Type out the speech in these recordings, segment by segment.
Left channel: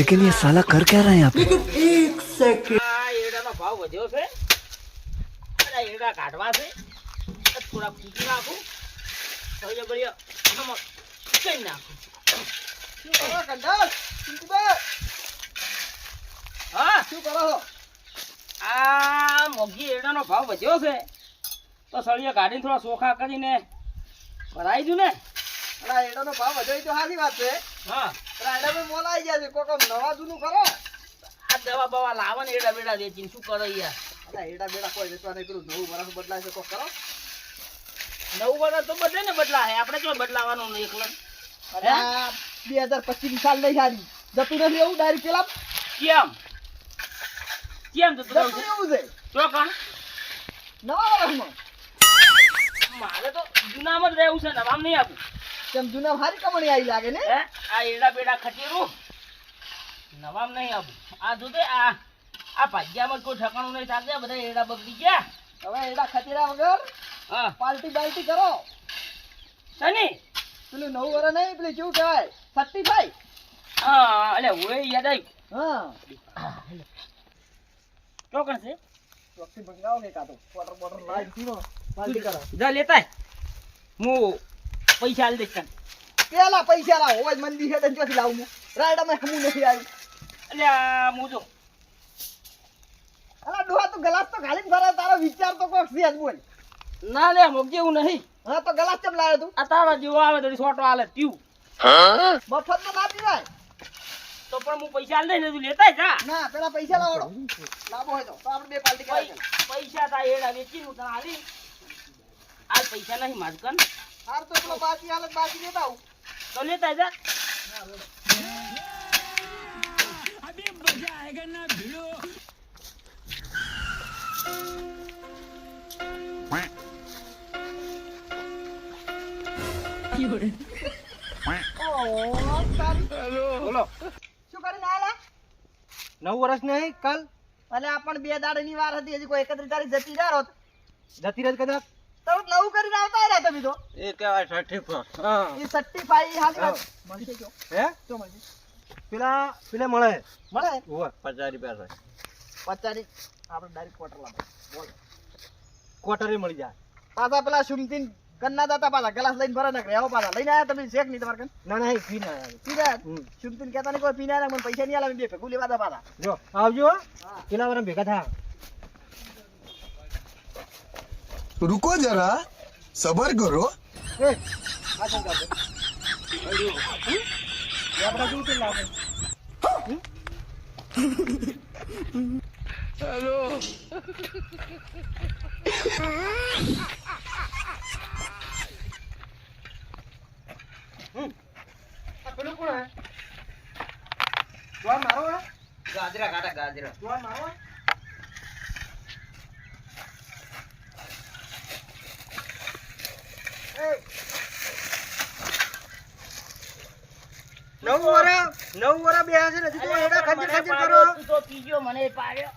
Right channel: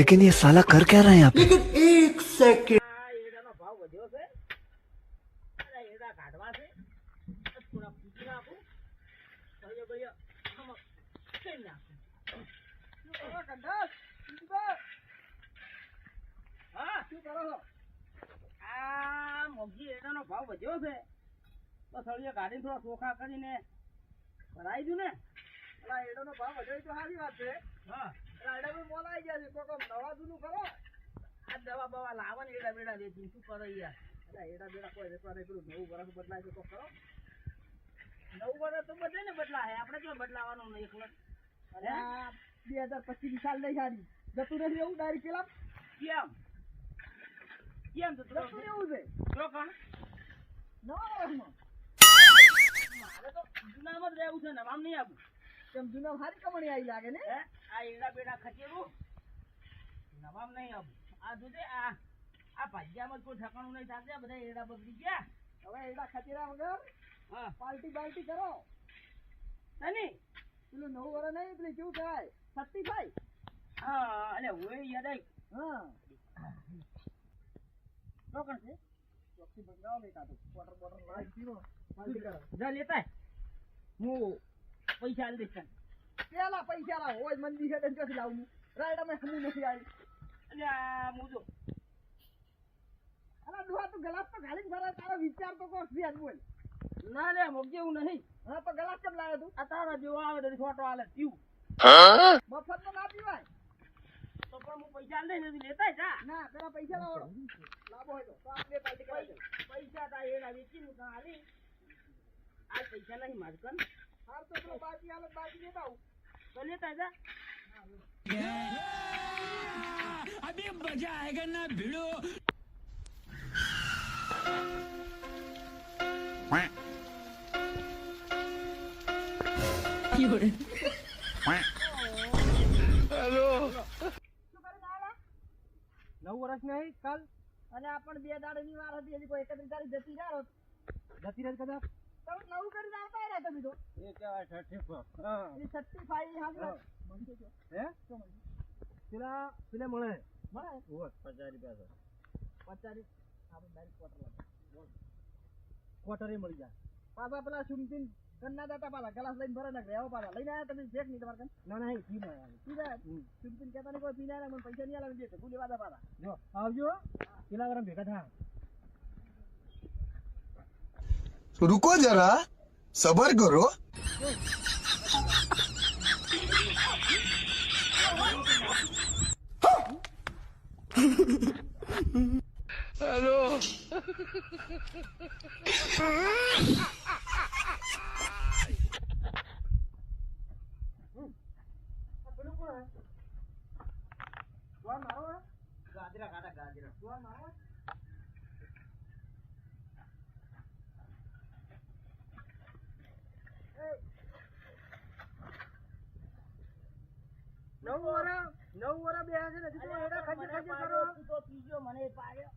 लेकिन ये साला कर क्या रहा है यहाँ पे? एक सेकंड એડાનો ભાવ વધ્યો છે અને એડા કાઢવા છે થોડા કૂટી નાખું હવે બળિયા આમાં કઈ નાખું શું કરો કંડાસ ચિંતુબા હા શું કરો આ મોગી એડાનો ભાવ વધ્યો છે તો સળિયા કાઢીને થોડા સોખા કરીને ભરાઈ દઉં ને અલા એડાનો ભાવ વધ્યો તો સારી વાત છે હા અલા એડા મોલ આવી ગયા છે કોકો નવા જૂનું કરો આ દવા બવા લાવો ને એડા બેડા વેચીને શું કરો યાર અલા એડા બેડા કોઈ વેચવા નહીં પેલું નવું વરસ બદલાય છે કોક કરો નવું વર્ષ તો બધે ને બદલાય આપણે જો બદલાવાનું નહીં એકલો અરે 2025 સાલ નહીં સારી જતું નથી એવું ડાયરેક્ટ પેલા કેમ તો તું જતું એવું છે તો કાં નવા વરસમાં મારે તો જૂનામાં જ રહેવું છે નવામ નહીં આપું તેમ જૂના હારી કમાણી આવી લાગે ને હે આ એડા બેડા ખટીરું નવામ નહીં આપું આ જોતે આ ભાગ્યામાં કોઈ ઠકાણું નહીં થાકે બધા એડા બગડી ગયા હવે એડા ખતીરા વગર હા પાર્ટી બાલ્ટી કરો સની પેલું નવું વરસ નહીં પેલું કેવું કહેવાય 35 હા અલે ઓય યાદ આવી હા તો કરશે ચોકથી મંગાવો કે કાતો વોટર બોટર લાઈન પીવો પાર્ટી કરો જા લેતા હું પૈસા આલી દઈશ તને પેલા પૈસા લાવો હોય મંદી છે તો ચોથી લાવું હું રાયડા માં હમું નથી આવી એટલે આ હું જો અલા ડોહા તું ગલાસ તો ખાલી ભરે તારો વિચાર તો કોક છે જ બોલ ના લે મોગ જેવું નહીં હા તો ગલાસ કેમ લાવ્યો તું આ તારા જેવો આવે તો છોટો આલે પીવું મફત તો ના પીવાય તો પણ હું પૈસા આલી દઈશ તું લેતા જા ના પેલા પૈસા લાવો લાવો હોય તો આપણે બે પાર્ટી કરાય પૈસા તા એડા વેચી હું તને આલી આ પૈસા નહીં માજકન હાર તો પેલો બાકી હાલત બાકી દેતા આવું તો લેતા જા अभी मजा आएगा ना भिड़ो બોલો શું કરીને આલા 9 વર્ષ નહીં કાલ અલે આ પણ બે દાડાની વાર હતી હજી કોઈ 31 તારીખ જતી ના રોત જતી રહી કદાચ તો નવું કરીને આવતા રહ્યા તમે તો એ કહેવાય 35 હા એ 35 હાલી વાત મળશે જો હે શું મળશે પેલા મળે મળે ઓય 50 રૂપિયા થાય 50 આપણે ડાયરેક્ટ ક્વાર્ટર લાવો બોલ ક્વાર્ટરે મળી જાય પાછા પેલા સુમતીન કન્ના દાતા પાછા ગ્લાસ લઈને ભરે નાખે આવો પાછા લઈને આયા તમે શેક નહીં તમારે કન ના ના એ ફી ના આવે પીધા સુમતીન કહેતા નહીં કોઈ પીને આયા મને પૈસા નહીં આલે બે ભેગું લેવા દા પાછા જો આવજો પેલા વાળા ભેગા થા रुको जरा सबर करो પેલું કોણ હે જોન મારો હે ગાજરા કાટા ગાજરા જોન મારો એ નવ વરા બે હશે ને તો એડા ખંજર ખંજર કરો તું તો પીજો મને પાડ્યો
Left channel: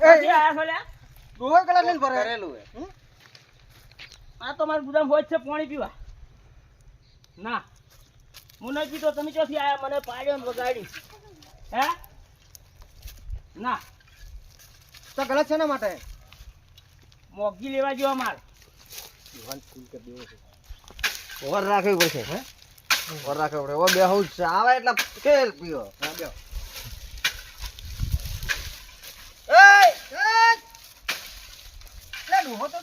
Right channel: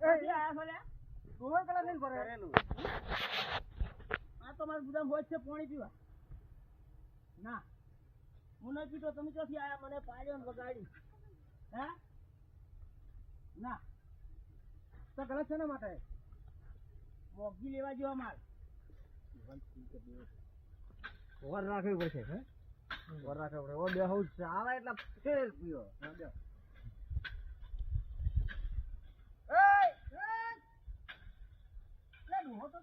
એ આયા સોલ્યા દોય કલાક લઈને ભરે કરેલું આ તો મારું ગુદામ હોય છે પાણી પીવા ના હું નહીં પીતો તમે ચોથી આયા મને પાડ્યો ને વગાડી હે ના તો ગલત છે ને માટે મોગી લેવા જેવા માલ ઓવર રાખવી પડશે હે ઓવર રાખવી પડે ઓ બે હું આવે એટલે કેલ પીવો હા બે લે હો તો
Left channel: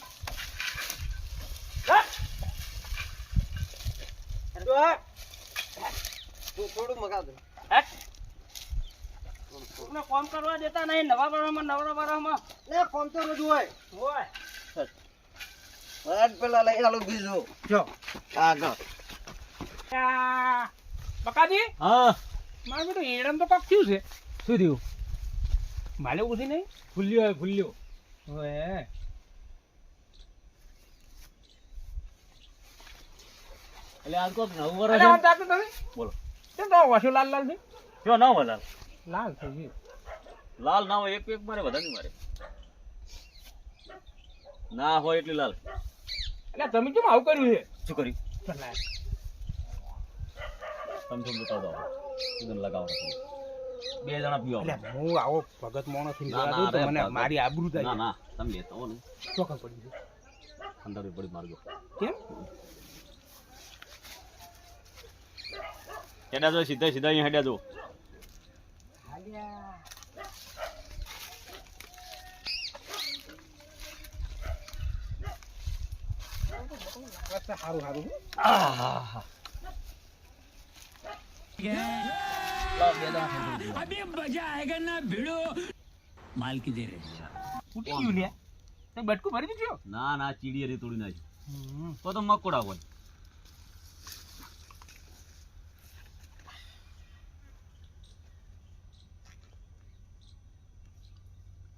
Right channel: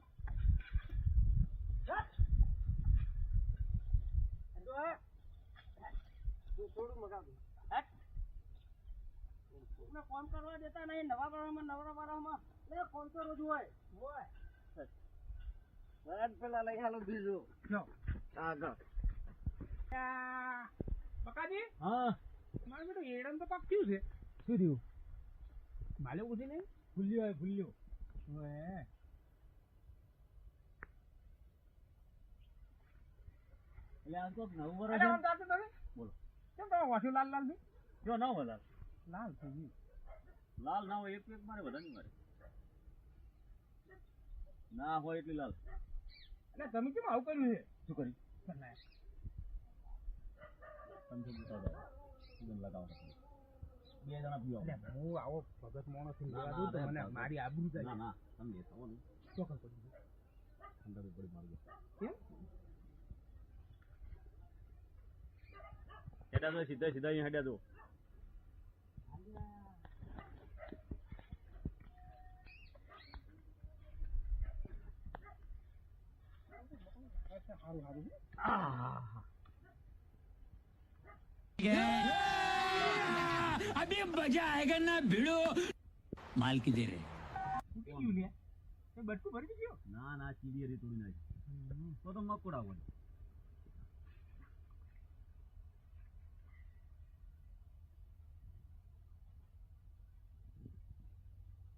થોડું મગાવ દે હે તમને કામ કરવા દેતા નહીં નવા વાળામાં લે ફોન તો રોજ હોય હોય આજ પેલા લઈ આલો બીજું જો આગળ બકાજી हाँ મારું બેટું એડમ તો કાક થયું છે શું થયું માલે ઉઠી નહીં ફૂલ્યો હે ફૂલ્યો ઓએ એટલે આજ કોક નવું અરે વર્ષ આમ જાતો તમે બોલો કેમ તો વાસો લાલ લાલ છે જો ના હોય લાલ લાલ થઈ ગયું લાલ ના હોય એક મારે વધારે નહીં મારે ના હોય એટલે લાલ એટલે તમે કેમ આવું કર્યું છે શું કર્યું ચલાય તમે તો બતાવો દો સીધું લગાવો બે જણા પીવો એટલે હું આવો ભગત મોણો થી ના, જોવા દઉં તો ના, મને અરે મારી આબરૂ ના થાય ના તમે લેતા હો ને ચોખા પડી ગયું અંદર પડી મારજો કેમ હેડ્યા જો સીધા સીધા અહીંયા હેડ્યા જો સારું સારું अभी मजा आएगा ना भिड़ो माल की दे रहे ફૂટી ગયું લ્યા તે બટકું ભરી દીધું ના ના ચીડી હરી તોડી નાખી તો મકોડા હોય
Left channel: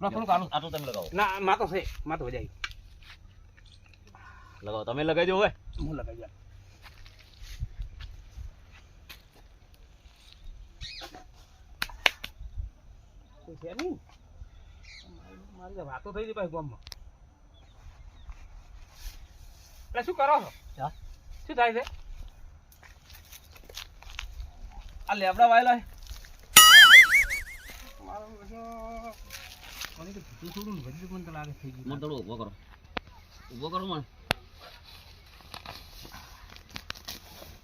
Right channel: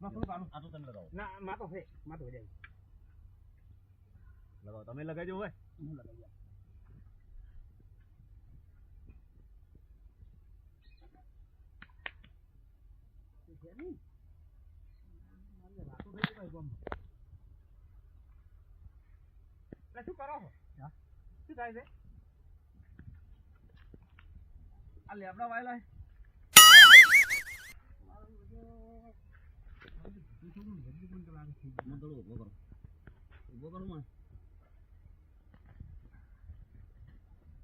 થોડું કાઢું આટલું તમે લગાવો ના માતો છે માતો વજાઈ લગાવો તમે લગાવી દો હવે હું લગાવી જા છે નહીં મારી વાતો થઈ ગઈ ભાઈ ગામમાં એટલે શું કરો છો શું થાય છે આ લેબડા વાયેલા છે મારું બધું મને તો ભૂતું થોડું ને બધું મને તો લાગે થઈ ગયું મને થોડું ઊભો કરો મને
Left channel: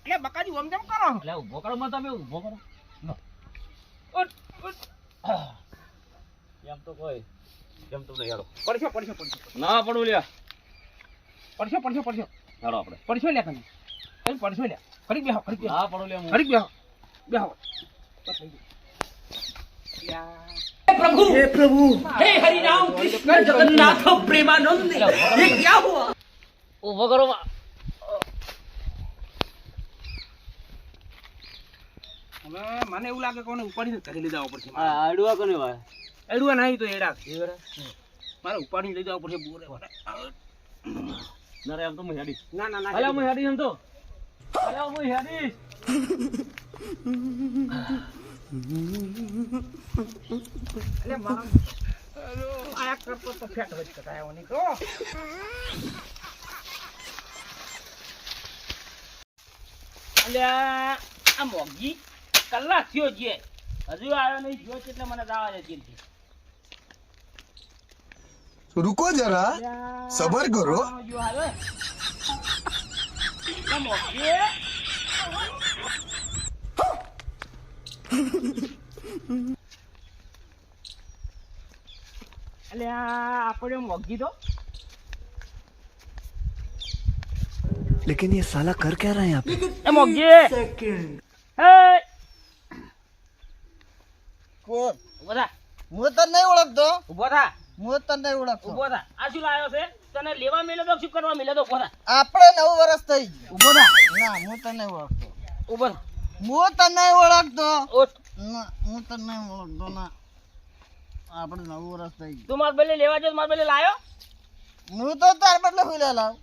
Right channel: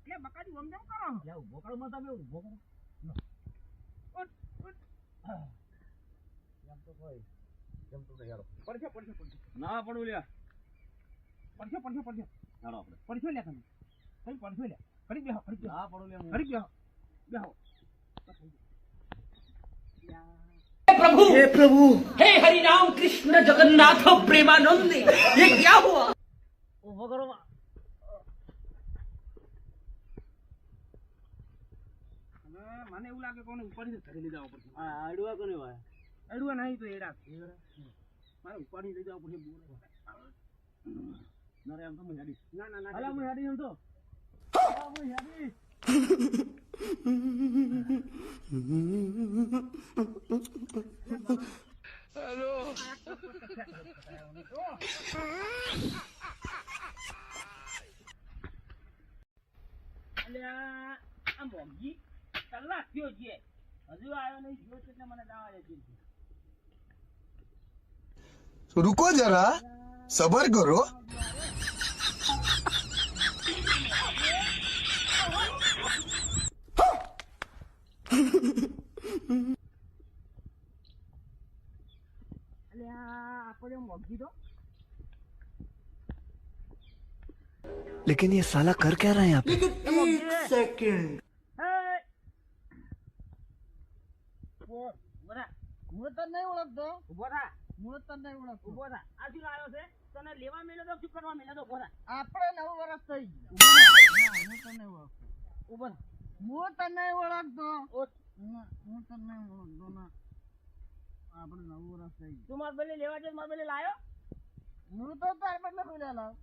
એટલે બકાજી ઓમ કેમ કરો એટલે ઊભો કરો મને તમે ઊભો કરો ઉઠ ઉઠ એમ તો કોઈ એમ તો નહીં હેડો પડશો ના પડું લ્યા પડશો હેડો આપણે પડશો લ્યા તમે કઈ પડશો લ્યા ખરીક બેહો ના પડું લ્યા હું ખરીક બેહો हे प्रभु हे हरि राम कृष्ण जगन्नाथ प्रेमानंद ये क्या हुआ ઊભો કરો હવે મને એવું લાગે કોને ઉપાડીને ઘરે લઈ જવા પડશે આડવા કોને ભાઈ એડવા નહીં તો એડા મારે ઉપાડીને લઈ જવા પડશે બોરે ના રે એમ તો હું હેડી ના ના ના અલ્યા હું હેડી એમ તો અલ્યા હું હેડી એટલે મારો હેલો આ કરતો તો ફેટ હોય કટાયો નહીં તો અલ્યા આ મોગી કલાક થયો છે હજુ આવ્યો નહીં જો એટલે મને દાવા દે છે रुको जरा सबर करो જો આવે આ મોગી અલ્યા આપણે મોગી તો लेकिन ये साला कर क्या रहा है यहाँ पे એ મોગી સેકન્ડ હે કોણ ઉભો થા હું તને નહીં ઓળખતો ઉભો થા હું તને નહીં ઓળખતો ઉભો થા આ શું લાયો છે તને લેવા મેલે તો શું કરવા મેલે તો ઉભો થા આપણે 9 વર્ષ થઈ ગયા ઉભો થા ના હું તને નહીં ઓળખતો ઉભો થા હું તને નહીં ઓળખતો ઓટ ના હું તને નહીં ઓળખતો ના આપણે 9 વર્ષ થઈ ગયા તું માર બેલે લેવા જો માર બેલે લાયો હું તો તાર બદલે હુઈ લાવ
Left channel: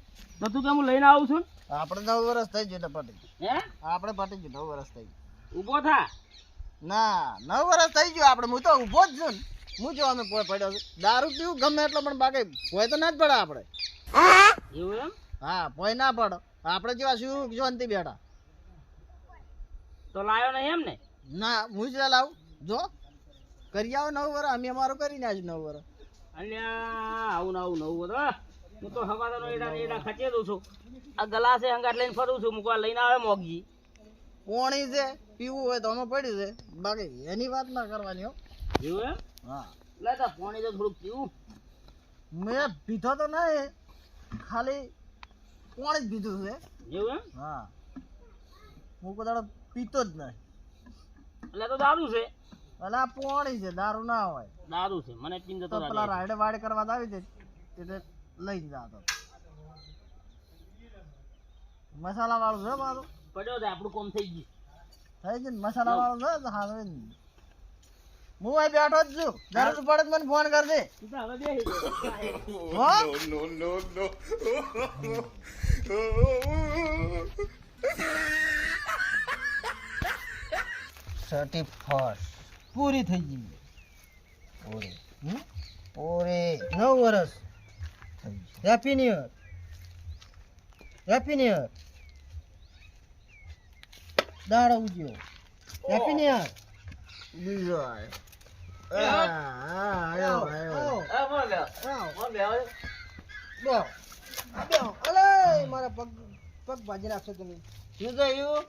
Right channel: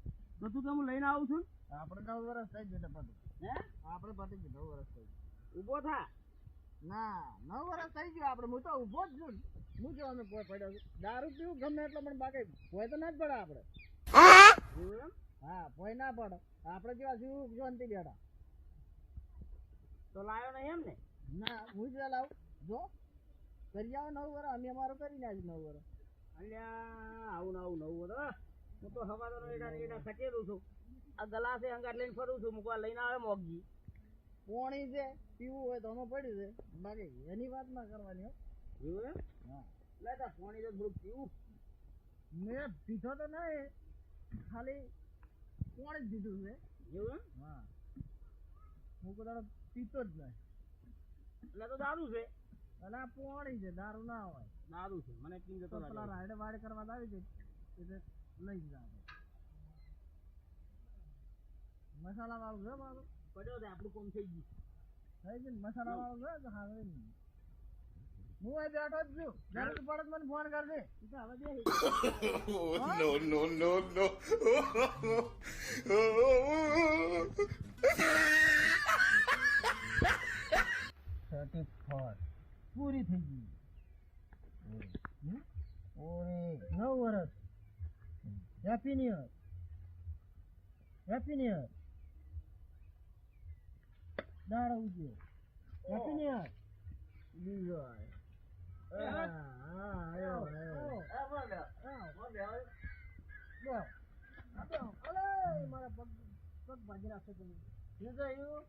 તો તું કેમ લઈને આવું છું આપણે 9 વર્ષ થઈ ગયા એટલે પટી હે આપણે પટી ગયું 9 વર્ષ થઈ ગયા ઉભો થા ના 9 વર્ષ થઈ ગયું આપણે હું તો ઊભો જ છું ને. હું જો અમે પોય પડ્યો છું દારૂ પીવું ગમે એટલો પણ બાકી પોય તો ના જ પડે આપણે એવું એમ હા પોય ના પડો આપણે જેવા શું શાંતિ બેઠા તો લાયો નહીં એમ ને ના હું જ લાવ જો કરી આવો 9 વર્ષ અમે અમારું કરીને આજ 9 વર્ષ અલ્યા આવું નવું બધો હું તો હવાદાનો એડા ખચે દઉં છું આ ગલાસે હંગાટ લઈને ફરું છું મુકવા લઈને આવે મોગજી પોણી છે પીવું હોય તો અમે પડ્યું છે બાકી એની વાત ના કરવાની હો એવું એમ હા લેતા પાણી તો થોડુંક પીવું મેં પીધો તો નહીં ખાલી પોણી જ પીધું છે એવું એમ હા હું કદાચ પીતો જ નહીં એટલે તો દારૂ છે એટલે આ પોણી છે દારૂ ના હોય દારૂ છે મને પીન જતો તો પેલા રાયડે વાડે કરવા આવી છે એટલે લઈને જાતો મસાલા વાળું છે મારું પડ્યો છે આપણું કોમ થઈ ગયું થઈ ગયું ને મસાલા વાળું છે તો હા હવે હું અહીં બેઠો જ છું જરૂર પડે તો મને ફોન કરજે તું તો હવે બેસી હો? પૂરી થઈ ગઈ ઓરે 9 વર્ષ happy new year happy new year દાડો ઉજ્યો હેપી ન્યુ યર બીજો આયો આયો આ બોલ લે બોલ લે બેહો બેહો અલે મારા પગ બાજી નાખશો તમે શું થયું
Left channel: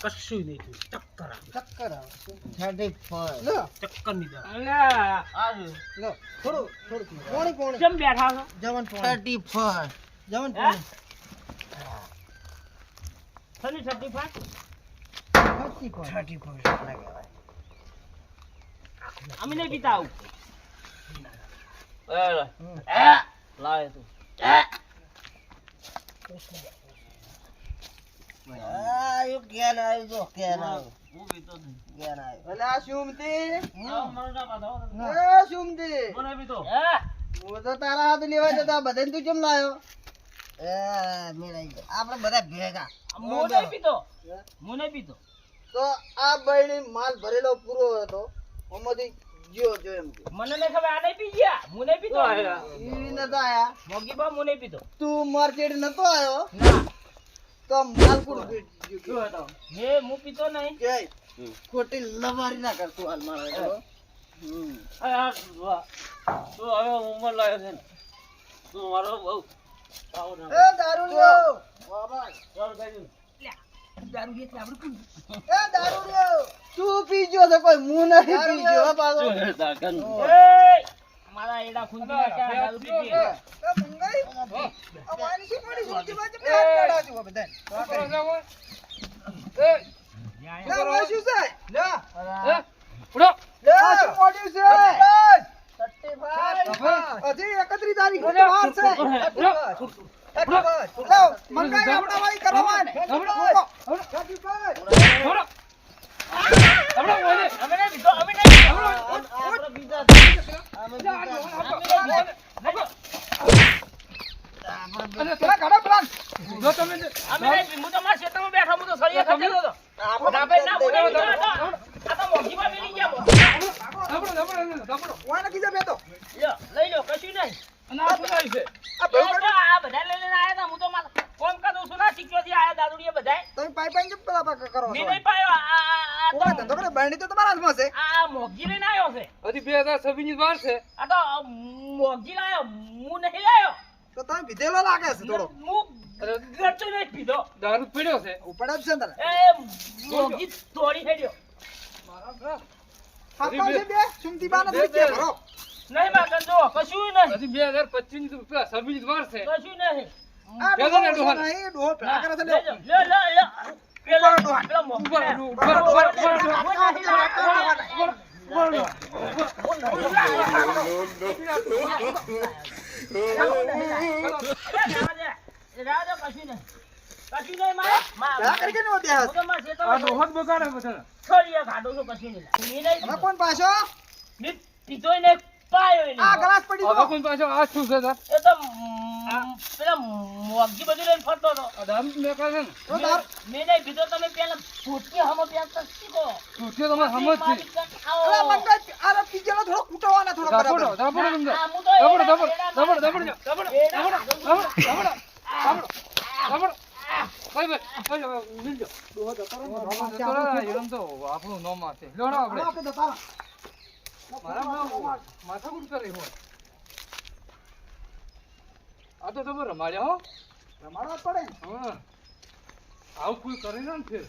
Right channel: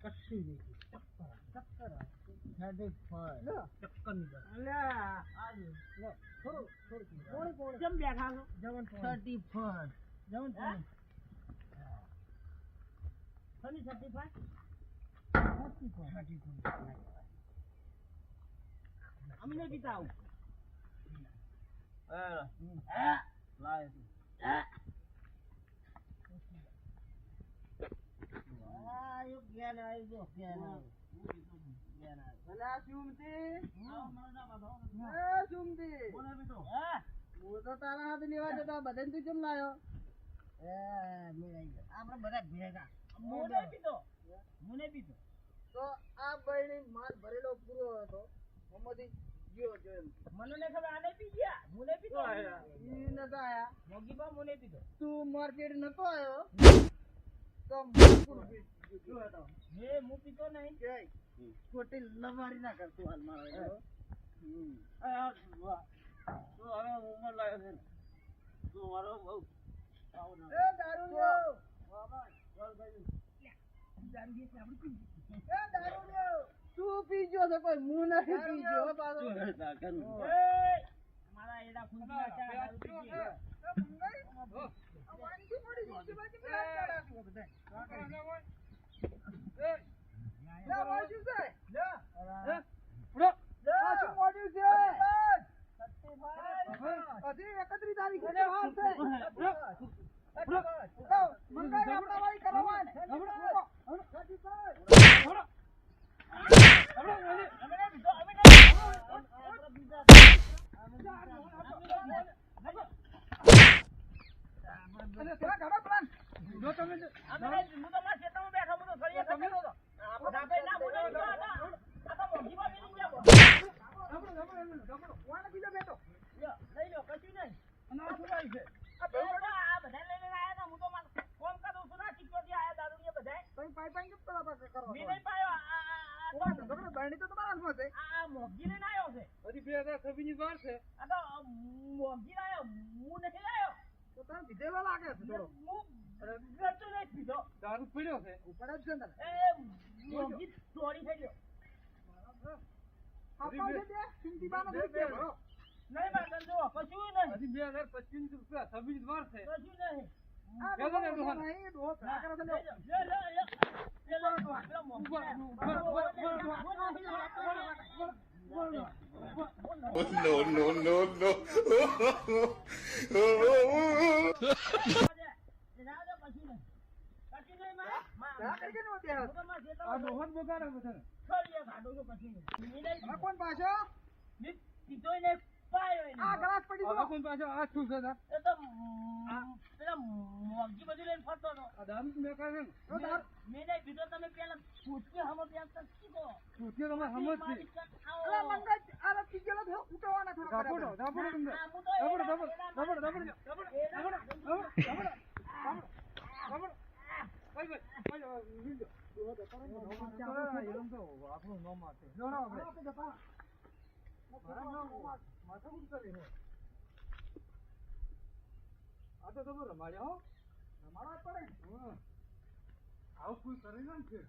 કશું નહીં થયું ચક્કર આવે 35 લો ચક્કર નહીં દે અલ્યા આ લો થોડું પોણી કેમ બેઠા છો જવન પોણી 35 જવન હે? પોણી સની 35 35 લાગે અમે નહીં પીતા આવું લાય તું આયો કેન આવ્યો જો કેન આવ્યો હું પીતો નહીં કેન આવ્યો એટલે આ સુમતી મારું ના પાડો એ સુમતી મને પીતો હું તો તારા હાથ લેવા જતા બધાને તું કેમ લાયો એ મેળાઈ આપણે બધા ભેગા હું નહીં પીતો હું નહીં પીતો તો આ બૈણી માલ ભરેલો પૂરો હતો ઓમાંથી જીઓ જો એમ કે મને નહીં ખબર આ નહીં પી ગયા હું નહીં પીતો ઈ નતો આયા મોગી બા હું નહીં પીતો તું માર્કેટ નતો આયો તો માલ પૂરો ગયો મે હું પીતો નહીં કે ખોટી લવારી ના કરતું હાલ મારા તું હવે ઉંમર લાગે છે ને તું મારો બહુ એ દારૂ લ્યો બાબા દારૂ એટલે આપણે એ દારૂ લ્યો તું પીજો તો કોઈ મું નહીં પીજો હો પાછો મારા એડા ખૂંદી નાખ્યા દારૂ પીતી એ મંગાઈ અમારી શું પડી સુતી બાજુ પ્લાન કાઢાજો બધા એ લે વાશું છે લે ઉડો લે શું મોડ્યું છે 35 હજી 31 તારીખ વાર છે મંગાઈ આપણા વાળી કરવા ને અમે નહીં પીતો અમે નહીં અમે નહીં હું તો મારા ખેતરમાં બેઠો હું તો સળિયા ખસેડતો હતો ના ભાઈ ના હું નહીં પીતો આ તો મોગીમાં મિલી ગયા વાના કીધા બેતો લ્યો લઈ લો કશું નહીં આ ભાઈ આ બધા લઈ લઈને આયા હતા હું તો મારા ફોન કરું છું ના સિક્યોરિટી આયા દારૂડિયા બધાય તમે પાઇપ કેમ પેલા કરો છો મેં નહીં પાયો ઓય ધંધો કરે બરણી તો તમારા હાથમાં છે આ મોગી લઈને આવ્યો છે હજી 2026 ની વાર છે આ તો મોગી લાયો હું નહીં લાયો તો તમે પીધેલો લાગે છે થોડો હું ગટુ નહીં પીધો દારૂ પીડ્યો છે ઉપડે જ છે ને એ મોગી તોડી હેડ્યો આપા છે બે સુમતી બાને પીકે ભરો નહીં માં કંજો કશું નહીં હજી 2025 ની તો 26 ની વાર છે કશું નહીં આ કેજો ને ડોહા. નહીં ડોહો પેલા કરે છે લે પેલા મોગી રાજો કશું નહીં પેલા કરી કે નો દેહ આ ડોહત બગાડે બધા છોડીએ ખાડો છો કશું નહીં હવે કોણ પાછો મેં પીધોય નહીં પાયો નહીં આ ગ્લાસ પડી હવે ગયો કોઈ પાછો આ શું છે તાર એ તો પેલા મોગી બધું લઈને ફરતો હતો આ દારૂ મેં કહે છે ને તો તાર મેં નહીં પીધો તમે પેલા ફૂટકી હમો પ્યાસ શીખો તૂટ્યો તમારે સમજ છે અરે મંગા આ પીજેલો થોડો કૂટવાના થોડો દાપડો બરાબર દાપડો તમને આ હું તો દાપડો દાપડો ભાઈ મિલજો તો આપણું નામ છે લેવડો આપણે આપણે તો તારા મારા માથાકૂટ કરે હોય આ તો તમે રમાડ્યા હો રમાડવા પડે હા આવું કોઈ કરે ને ફેર